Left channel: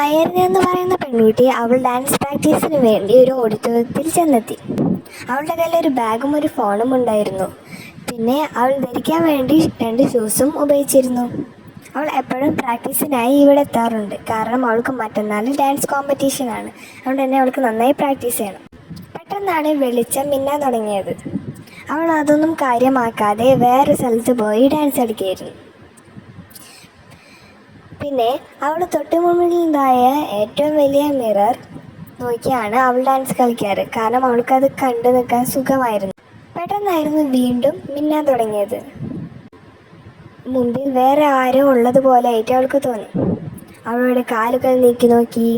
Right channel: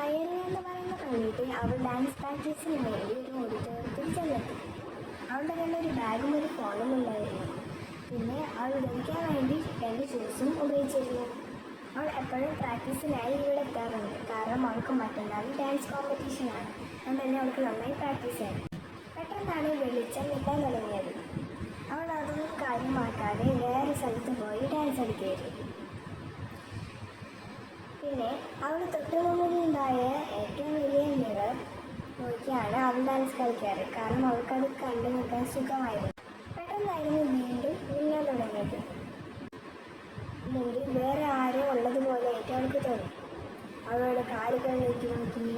അയർന എന്ന് പറയുന്ന പെൺകുട്ടി അവൾ ഡാൻസ് പ്രാക്ടീസിന് വേണ്ടി ഒരു ഓഡിറ്റോറിയത്തിൽ ചെന്നെത്തി. അവളുടെ കയ്യിൽ ഒരു ബാഗും ഒരു ഫോണും ഉണ്ടായിരുന്നു. പിന്നെ അവൾ ധരിക്കാൻ വേണ്ടി 2 ഷൂസും ഉപയോഗിച്ചിരുന്നു. അവൾ എപ്പോഴും പ്രാക്ടീസിനായി ഇവിടെ എത്താറുണ്ട്. കാരണം അവൾക്ക് മറ്റന്നാൾ ഡാൻസ് കോമ്പറ്റീഷനാണ്. അതുകൊണ്ട് തന്നെ അവൾക്ക് നന്നായി പ്രാക്ടീസ് ചെയ്യണം. പെട്ടെന്നാണ് വെളിച്ചം മിന്നാൻ തുടങ്ങിയത്. അവൾ അതൊന്നും കാര്യമാക്കാതെ വേറെ സ്ഥലത്ത് പോയി ഡാൻസ് കളിക്കുകയായിരുന്നു. പിന്നെ അവൾ തൊട്ട് മുന്നിലുണ്ടായ ഏറ്റവും വലിയ മിറർ നോക്കിയാണ് അവൾ ഡാൻസ് കളിക്കാറ്. കാരണം അവൾക്കത് കണ്ടു നിൽക്കാൻ സുഖമായിരുന്നു. പെട്ടെന്നായിരുന്നു വീണ്ടും മിന്നാൻ തുടങ്ങിയത്. മുമ്പിൽ വേറെ ആരോ ഉള്ളതുപോലെ ആയിട്ട് അവൾക്ക് തോന്നി. അവളുടെ കാലുകൾ നീക്കി നോക്കി.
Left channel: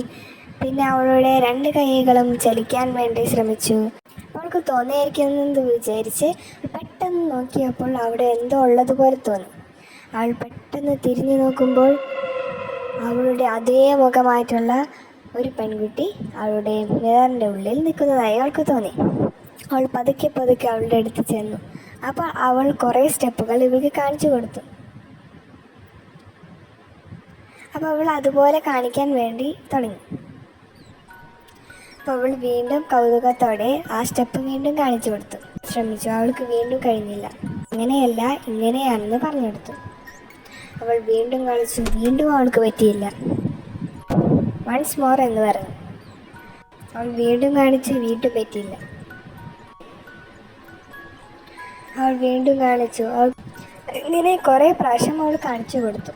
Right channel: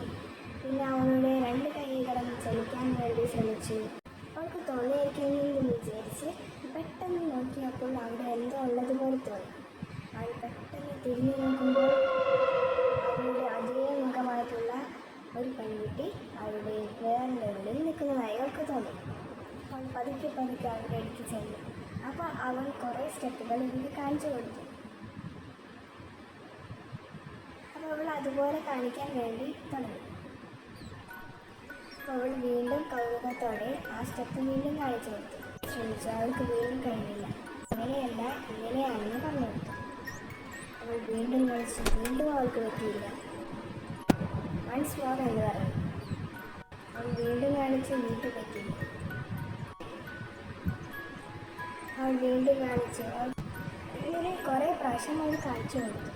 പിന്നെ അവളുടെ 2 കൈകളും ചലിക്കാൻ വേണ്ടി ശ്രമിച്ചു. അവൾക്ക് തോന്നിയിരിക്കുന്നെന്ന് വിചാരിച്ച് പെട്ടെന്ന് നോക്കിയപ്പോൾ അവിടെ എന്തോ ഉള്ളതുപോലെ തോന്നി. അവൾ പെട്ടെന്ന് തിരിഞ്ഞു നോക്കുമ്പോൾ അവളുടെ അതേ മുഖമായിട്ടുള്ള ഒരു പെൺകുട്ടി അവളുടെ മിററിൻ്റെ ഉള്ളിൽ നിൽക്കുന്നതായി അവൾക്ക് തോന്നി. അവൾ പതുക്കെ പതുക്കെ അവളുടെ അടുത്ത് ചെന്നു. അപ്പോൾ അവൾ കുറേ സ്റ്റെപ്പുകൾ ഇവൾക്ക് കാണിച്ചു കൊടുത്തു. അപ്പോൾ അവൾ അതുപോലെ കാണിക്കാൻ വേണ്ടി തുടങ്ങി. അപ്പോൾ അവൾ വീണ്ടും കൗതുകത്തോടെ ആ സ്റ്റെപ്പ് വീണ്ടും കാണിച്ചു കൊടുത്തു. ശ്രമിച്ചു. അവൾക്ക് വീണ്ടും കഴിഞ്ഞില്ല. അങ്ങനെയല്ല, ഇങ്ങനെയാണെന്ന് പറഞ്ഞു കൊടുത്തു. അവൾ വീണ്ടും കളിച്ചു. വീണ്ടും അവൾക്ക് പറ്റിയില്ല. വൺസ് മോർ എന്ന് പറഞ്ഞു. അവൾ വീണ്ടും കാണിച്ചു. വീണ്ടും പറ്റിയില്ല. അവൾ വീണ്ടും കാണിച്ചു. ഇങ്ങനെ കുറേ പ്രാവശ്യം അവൾ കാണിച്ചു കൊടുത്തു.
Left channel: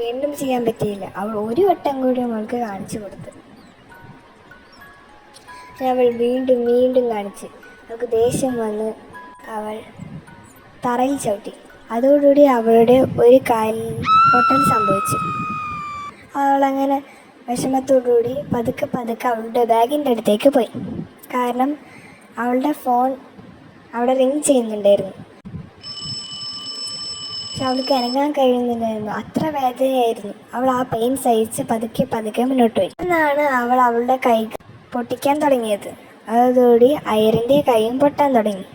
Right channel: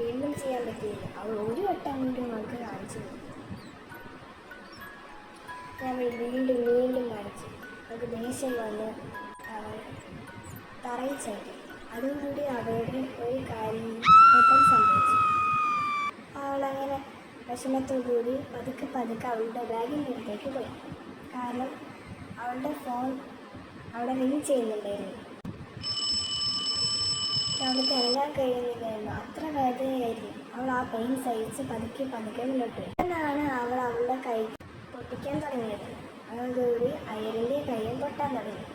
വീണ്ടും ചെയ്യാൻ പറ്റിയില്ല. അവൾ ഒരു വട്ടം കൂടി അവൾക്ക് കാണിച്ചു കൊടുത്തു. അവൾ വീണ്ടും വീണ്ടും കാണിച്ച് അവൾക്ക് ദേഷ്യം വന്ന് അവൾ തറയിൽ ചവിട്ടി. അതോടുകൂടി അവളുടെ ഒരു കാലിൽ പൊട്ടൽ സംഭവിച്ചു. അവളങ്ങനെ വിഷമത്തോടുകൂടി പതുക്കെ പതുക്കെ അവളുടെ ബാഗിൻ്റെ അടുത്തേക്ക് പോയി. കാരണം അവളുടെ ഫോൺ അവിടെ റിങ് ചെയ്യുന്നുണ്ടായിരുന്നു. പക്ഷെ അവൾക്ക് അനങ്ങാൻ കഴിയുന്നില്ലായിരുന്നു. അത്ര വേദനയായിരുന്നു. അവൾ ആ പെയിൻ സഹിച്ച് പതുക്കെ പതുക്കെ മുന്നോട്ട് പോയി. എന്നാണ് അവൾ അവളുടെ കൈ പൊട്ടിക്കാൻ തുടങ്ങിയത്. അതോടുകൂടി അയറിൻ്റെ കൈയും പൊട്ടാൻ തുടങ്ങി.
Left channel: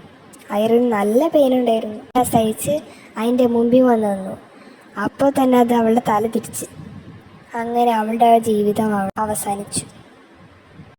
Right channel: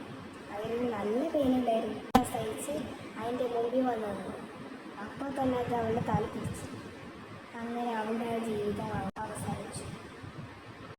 അയറിന് നല്ല പെയിൻ ഉണ്ടായിരുന്നു. സഹിച്ച് അതിൻ്റെ മുമ്പിൽ വന്ന് നിന്നു. അപ്പോൾ തന്നെ അത് അവളുടെ തല തിരിച്ച്. അങ്ങനെ അവളുടെ ജീവിതം അവസാനിച്ചു.